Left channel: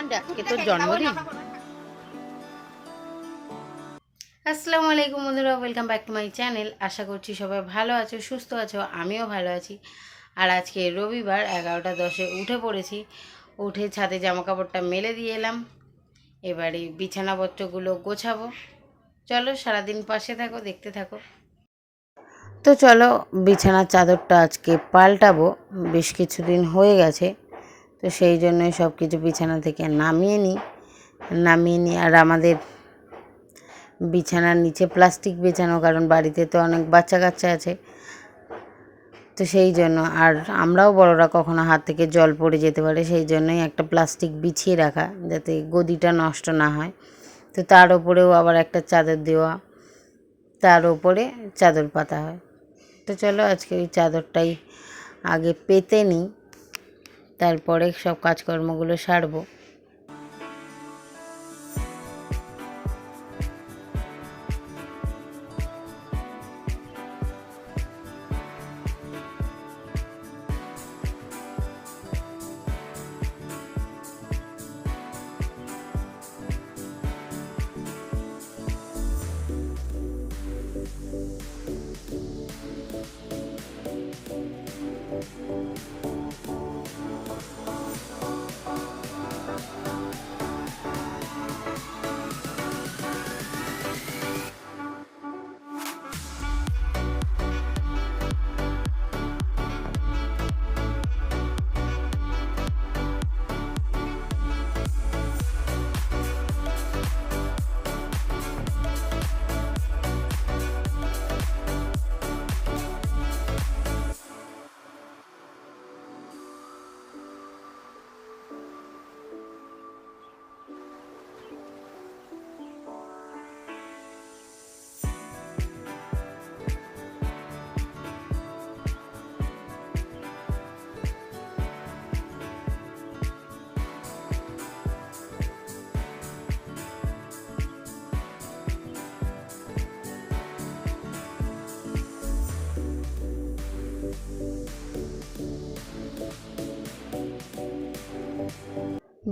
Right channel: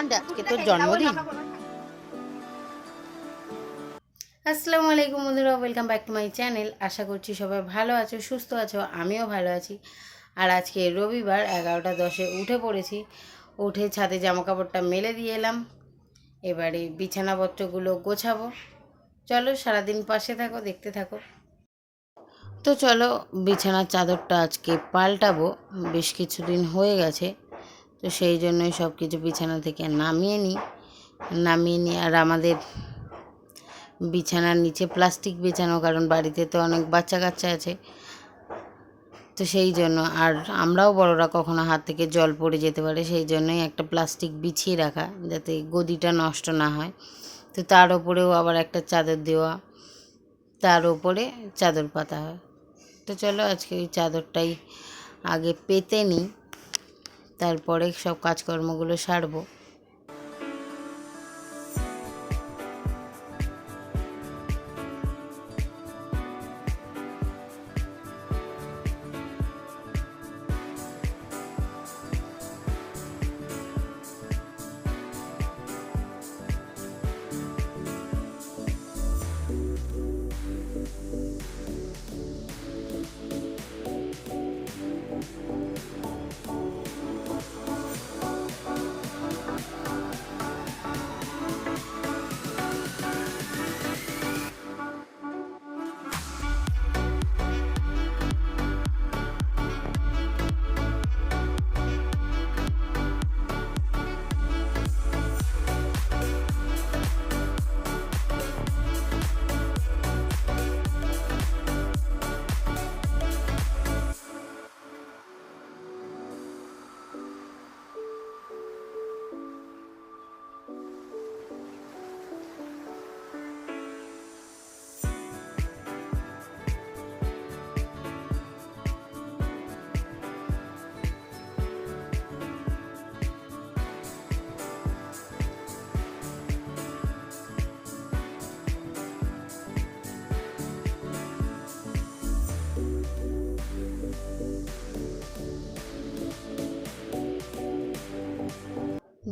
আজকে তোর জন্মদিন। আসসালামু আলাইকুম বন্ধুরা, welcome back to my channel. আশা করছি সবাই ভালো আছো, সুস্থ আছো, আমিও ভালো আছি। আর আজকে রবিবার 11টা 10-এ উঠে পড়েছি। উঠে ছাদে জামা কাপড়টা মেলে দিয়ে এলাম। এবারে বিছানাপত্রগুলো গোছাবো। চলো সারাদিন পাশে থাকো, দেখতে থাকো। তো চলো বিছানার চাদরটা আজকে পাল্টাবো। বেশ কিছুদিন হয়ে গেছে, তো সেই জন্যই সব কিছু বিছানা থেকে নামিয়ে নিই। আর আমাদের বিছানার নিচে প্লাস্টিক বিছানো, কারণ বাড়িতে তো অনেক বাচ্চা কাচ্চা আছে, তো সেই জন্য। আর আমরাও বড়রা কখনো হাত থেকে জল পড়ে যেতে পারে, সেই জন্যই একটা প্লাস্টিক বিছিয়ে রাখা, যাতে গদিটা নষ্ট না হয়। তো তার ওপরেও আবার একটা চাদর দেওয়া, তার ওপরে চাদর পাতা হয়। তো চলো আজকে ওই চাদরটাই আগে পেতে নিই, তারপরে সব কাজকর্মগুলো সারবো।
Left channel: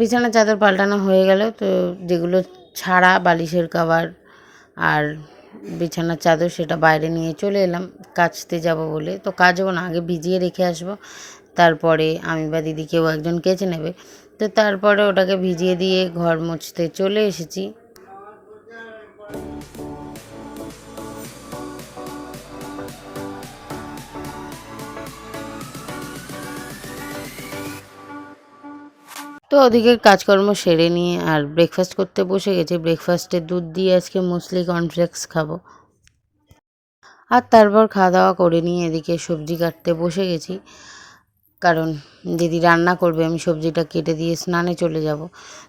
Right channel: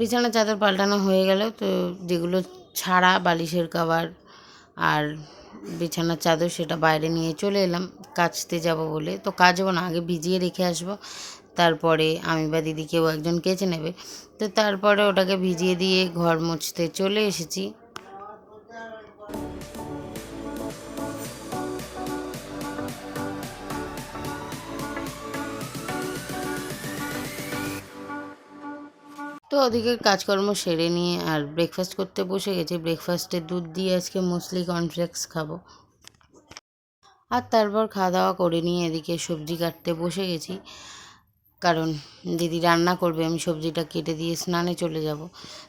বিছানার চাদর পাল্টানো হয়ে গেল, তো যেগুলো ছাড়া বালিশের কভার আর বিছানার চাদর সেটা বাইরে নিয়ে চলে এলাম কাচতে যাব বলে। তো কাচবো না, আগে ভিজিয়ে রেখে আসবো, তারপরে আমি বা দিদি কেউ একজন কেচে নেবে। তো তারপরে ওটাকে ভিজিয়ে দিয়ে ঘর মুছতে চলে এসেছি। তো ওদিকের কাজকর্ম সেরে নিয়ে আর ব্রেকফাস্ট করতে বসে গেছি। ব্রেকফাস্টে দুধ দিয়ে আজকে মুসলি কর্নফ্লেক্স খাবো। আর তারপর খাওয়া দাওয়া করে নিয়ে এদিকে সবজি কাটতে বসে গেছি, কারণ দিদি রান্না করবে, আমি সবজিটা কেটে দিয়ে স্নানে চলে যাব।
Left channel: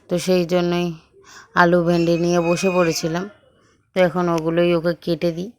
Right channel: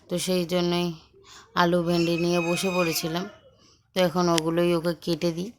তো সেই জন্যই আলু ভেন্ডি নিয়ে বসে পড়েছিলাম। তো এখন ওগুলোই ওকে কেটে দিই।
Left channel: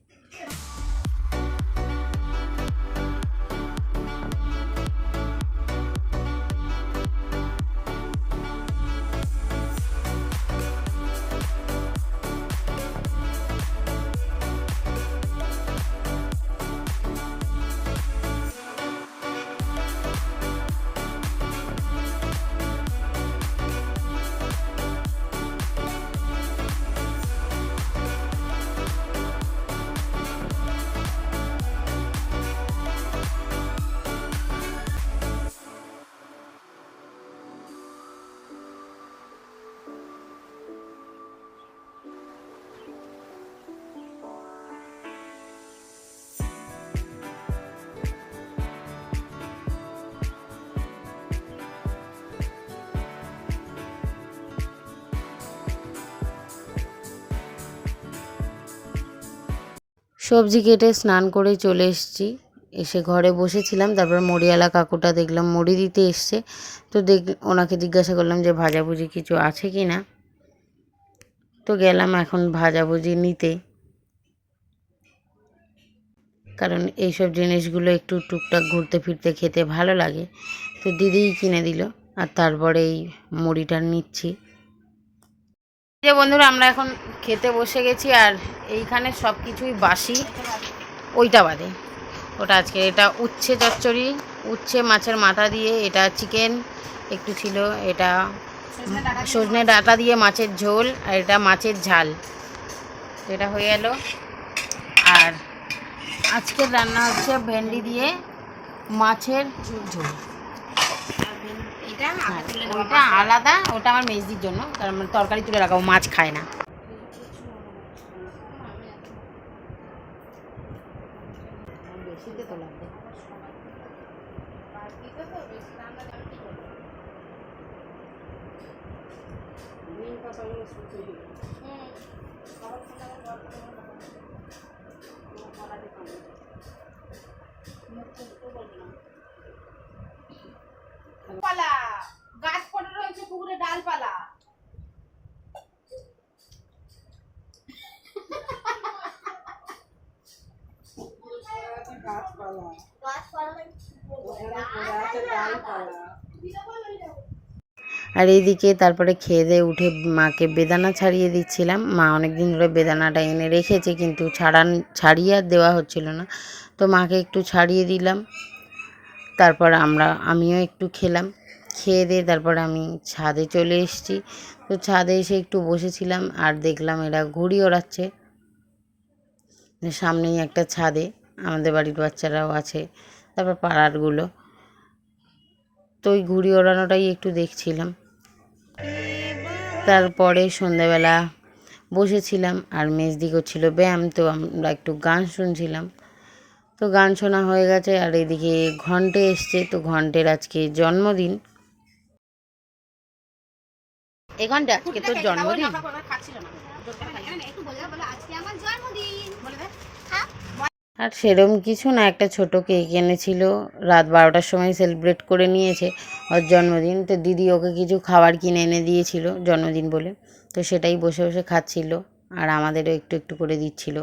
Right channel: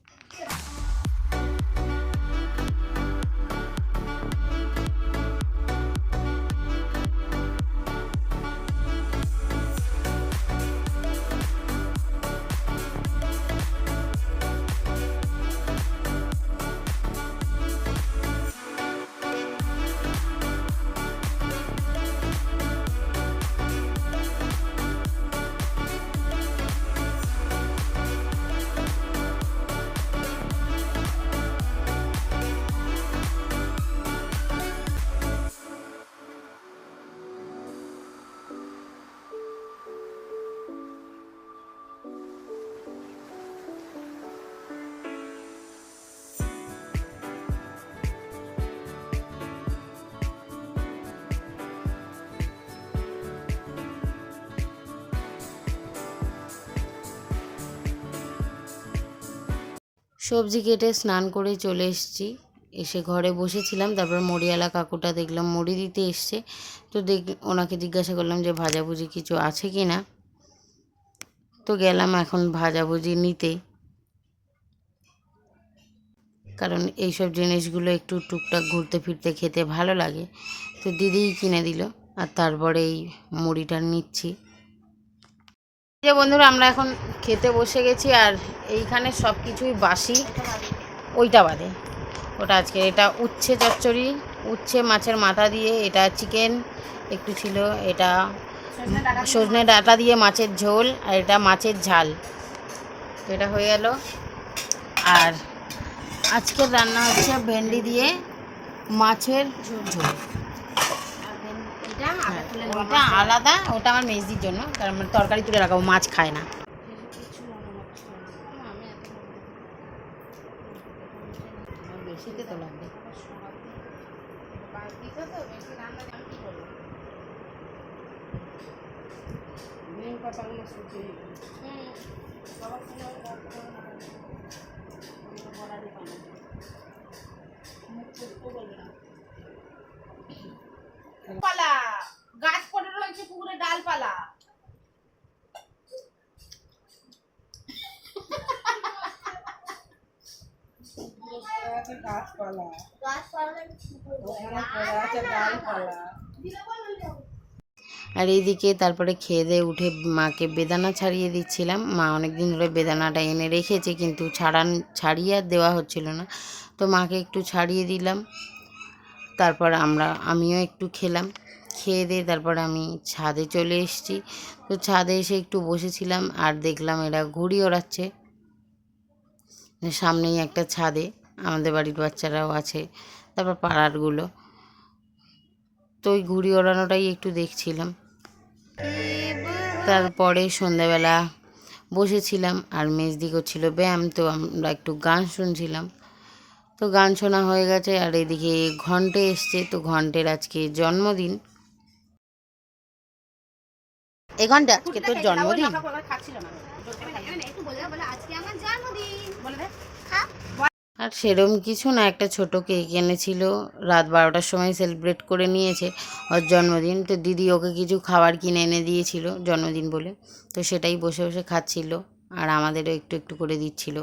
সবজি কেটে স্নান করে চলে এসেছি। এসে ঘরে বসেছিলাম, তারপর মুড়িওয়ালা কাকুটা দেখলাম মুড়ি দিতে এসছে। তো ওনাকে জিজ্ঞাসা করলাম যে ভাজাভুজি কিছু আছে কি না। তো গেলাম এখন ভাজাভুজি নিতে, কারণ এইসব জিনিসগুলো একটু টুকটাক ঘুরতে ফিরতে খেতে ভালো লাগে। তো দিদিই কিনে দিল, আর তারপরে এই মুড়িটা নিচ্ছি। যে বন্ধুরা, আমরা এখন খেতে বসে গেছি, আর এইখানে সব কিছুই বাসি, ওইটা বাদে। ওটা আজকে এটা উচ্ছে চচ্চড়ি, উচ্ছে মাছের মাথা দিয়ে, এটা চিকেন একটু ছিল, এটা সজনে ডাঁটা দিয়ে মাছের ঝোল, আর এটা মাছের ঝাল। তো এটা হয়ে গেল। আর আজকের রান্না হচ্ছে ভেন্ডি দিয়ে মাছের ঝোল। হ্যাঁ, ওইটা আলাদা, ওটা আমার মেজদির জন্য, কারণ তরকারি তুলে রাখাবো, মাছ খায় না। বেশিতে তো লাগবে। ডালপালা গাছ পড়ে রয়েছে পুকুরে, ডালপালা। আর এইদিকে তারপরে খেয়ে দিয়ে উঠে মাকে বেদানা ছাড়িয়ে দিচ্ছিলাম। মা অনেক দিন ধরে বেদানাটা এনে রেখেছে, কিন্তু ছাড়িয়ে আর দেওয়া হচ্ছিল না, তো মাকে একটু ছাড়িয়ে দিলাম। তারপর আমিও একটু খেলাম। খেয়ে দিয়ে তারপরে আমি ছাদে চলে এসেছি। তো ছাদে এসে একটু বসেছিলাম, আর দেখলাম এরা ঘুড়ি ওড়াচ্ছে সামনেই একটা ছাদে। আমাদের বাড়ির বাচ্চারাও আছে, তারপর পাড়ারগুলো। তো ওই ঘুড়ি ওড়ানোটাই একটু দেখছিলাম। তারপরে সন্ধ্যাবেলা বসেছিলাম, আর মেজদি করছিল ব্যায়াম, তো আমরা একটু গান শুনছিলাম। তো গান শোনা হয়ে গেছে, আর এদিকে ঘন্টে এসছে। তো ঘন্টের আজকে জন্মদিন। এই ঘন্টে আজকে তোর জন্মদিন? আর সেরম কিছু না, একটা ছোট কেক এনেছিল, রাত 12টার সময় সেলিব্রেট করে নিয়েছে ওর জন্মদিন। তো দিদি ওকে কিছু খাবার কিনে এনে দিয়েছিল জন্মদিন বলে, তো সেটাই বসে বসে খাচ্ছিল, আর আমাদেরও একটু একটু করে দিচ্ছিল।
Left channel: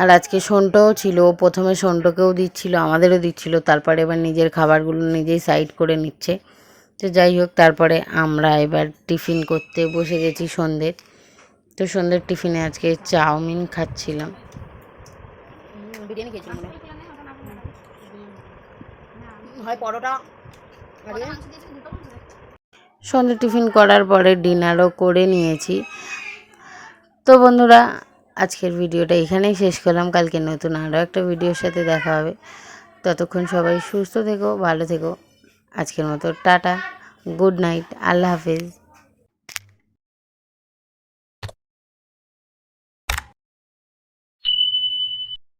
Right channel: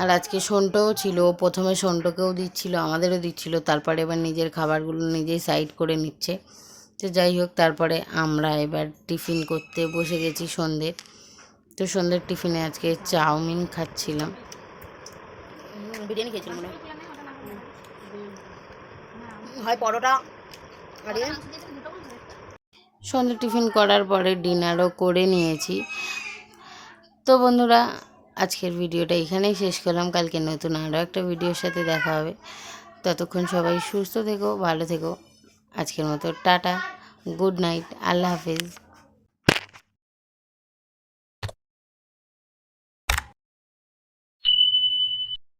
আর আজকে সন্টও ছিল, প্রথমে সন্টকেও দিচ্ছিল, আমাদেরও দিচ্ছিল, তারপরে এবার নিজের খাবারগুলো নিজেই সাইড করে নিচ্ছে। তো যাই হোক, তারপরে আমরা এবার টিফিন করতে বসে গেছি সন্ধ্যের। তো সন্ধ্যের টিফিনে আজকে চাউমিন খাচ্ছিলাম, বিরিয়ানি খেয়েছিলাম মনে হয়, পরোটা। সন্ধ্যে টিফিন করার পরে ডিনারও করে নিয়েছি। তো বন্ধুরা, আজকের ভিডিওটা এখানেই শেষ করলাম। কালকে নতুন আরও একটা ভিডিওর সাথে দেখা হবে। ততক্ষণ সবাই সুস্থ থেকো, ভালো থেকো। আজকের মতো টাটা, গুড নাইট, আল্লাহ হাফেজ।